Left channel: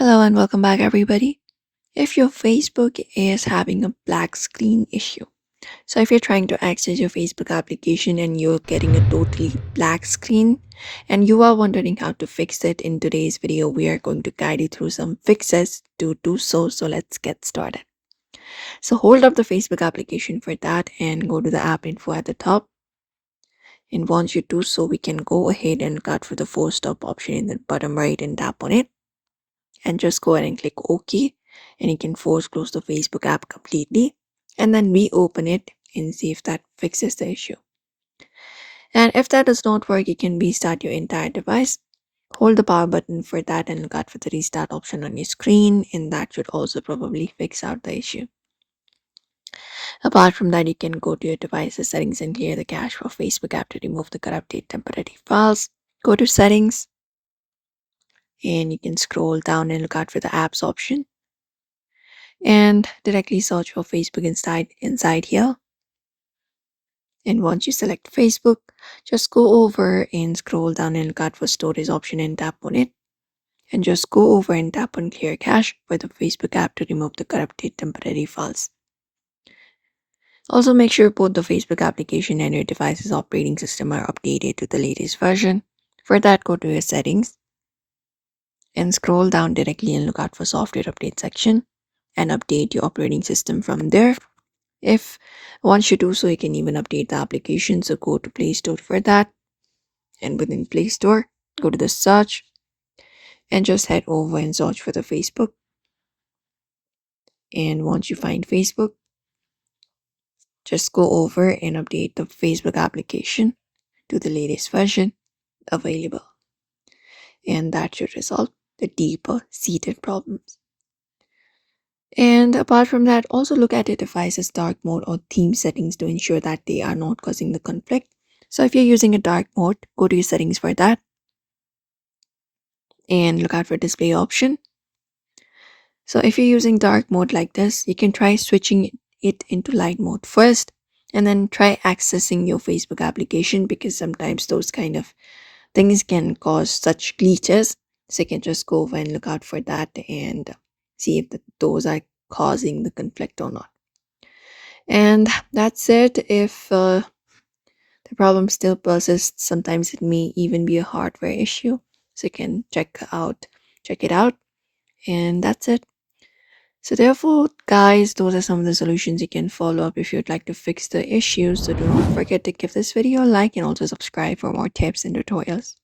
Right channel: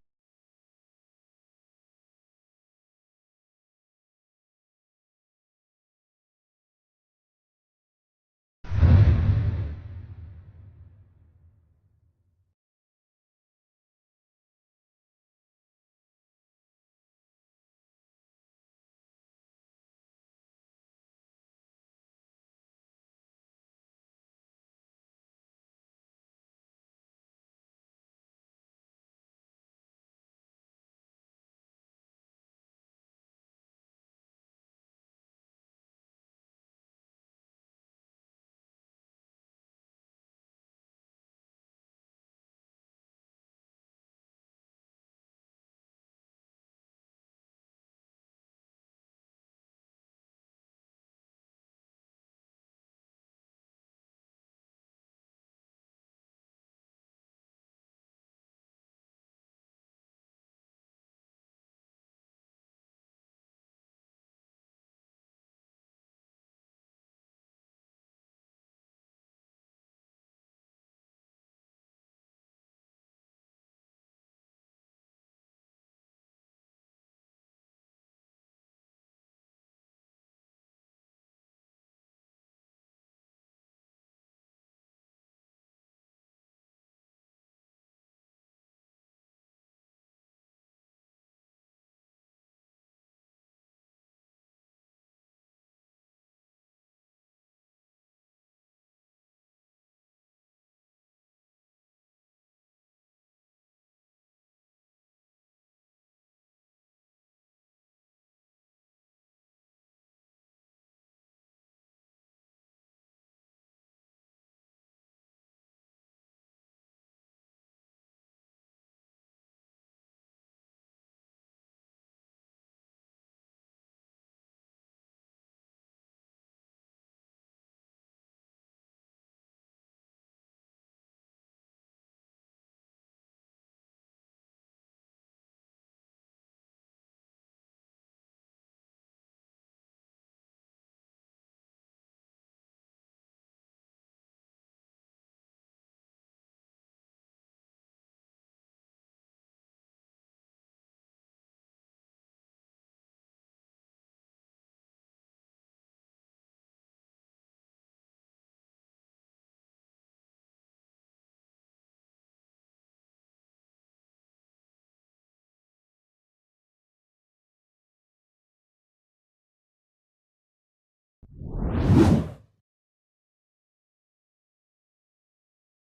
Hello and welcome back, everybody. If your Facebook is having a black screen issue, so if you're trying to access your Facebook application and you're getting a totally black screen and you are wondering how to fix it, in today's video, we are going to guide you through some fixes to do so. So let's get started. So hold up the Facebook application for that and go to the app info at the top. And once you do so, we can go ahead and cut for the force stop option in the bottom right and tap on it. And just go ahead and click OK, and you can force close the Facebook app completely and then reopen it and see if that fixes the issue. And if that does not work, you can restart your entire device. Hold the power button for that and look out for the restart option on your screen, and that should also probably fix out the issue. Apart from that, you can go to your device's settings and clear the cache for Facebook app to remove the corrupted temporary files. Go to settings and you can scroll down and look out for the apps option and directly search for Facebook inside here. And once you select Facebook, just go over and scroll down and look out for storage option and tap on it. And just go over and tap on clear cache for the Facebook app to remove the corrupted temporary files. Also make sure both the Facebook application and your device's operating system are updated to the latest version. For that, go to your settings and scroll down directly and look out for software update section and update your operating system from there. If once you do so, you can even update the application. So go to Play Store for that. And within Play Store, go to the search and just head over and search for the Facebook. And once you find Facebook, just go over and update the Facebook application to the latest version available. And that should resolve the deeper seated problems. And apart from that, also look at your device's dark mode or theme settings to ensure that they are not causing the conflict. So if you're using a dark mode, go to your settings for that and look out for display option. So if you're using dark mode like this, you can try switching it into light mode first and then try accessing your Facebook application, because sometimes those kind of things can cause such glitches. So you can just go over and look out for that and see if those are causing the conflict or not. And that's it. If the problem still persists, sometimes it may even be a hardware issue. So you can check it out. And that's it. So therefore, guys, those are some of the solutions you can follow up if you'd like to fix the issue. So don't forget to give this video a like and also subscribe for more tips and tutorials.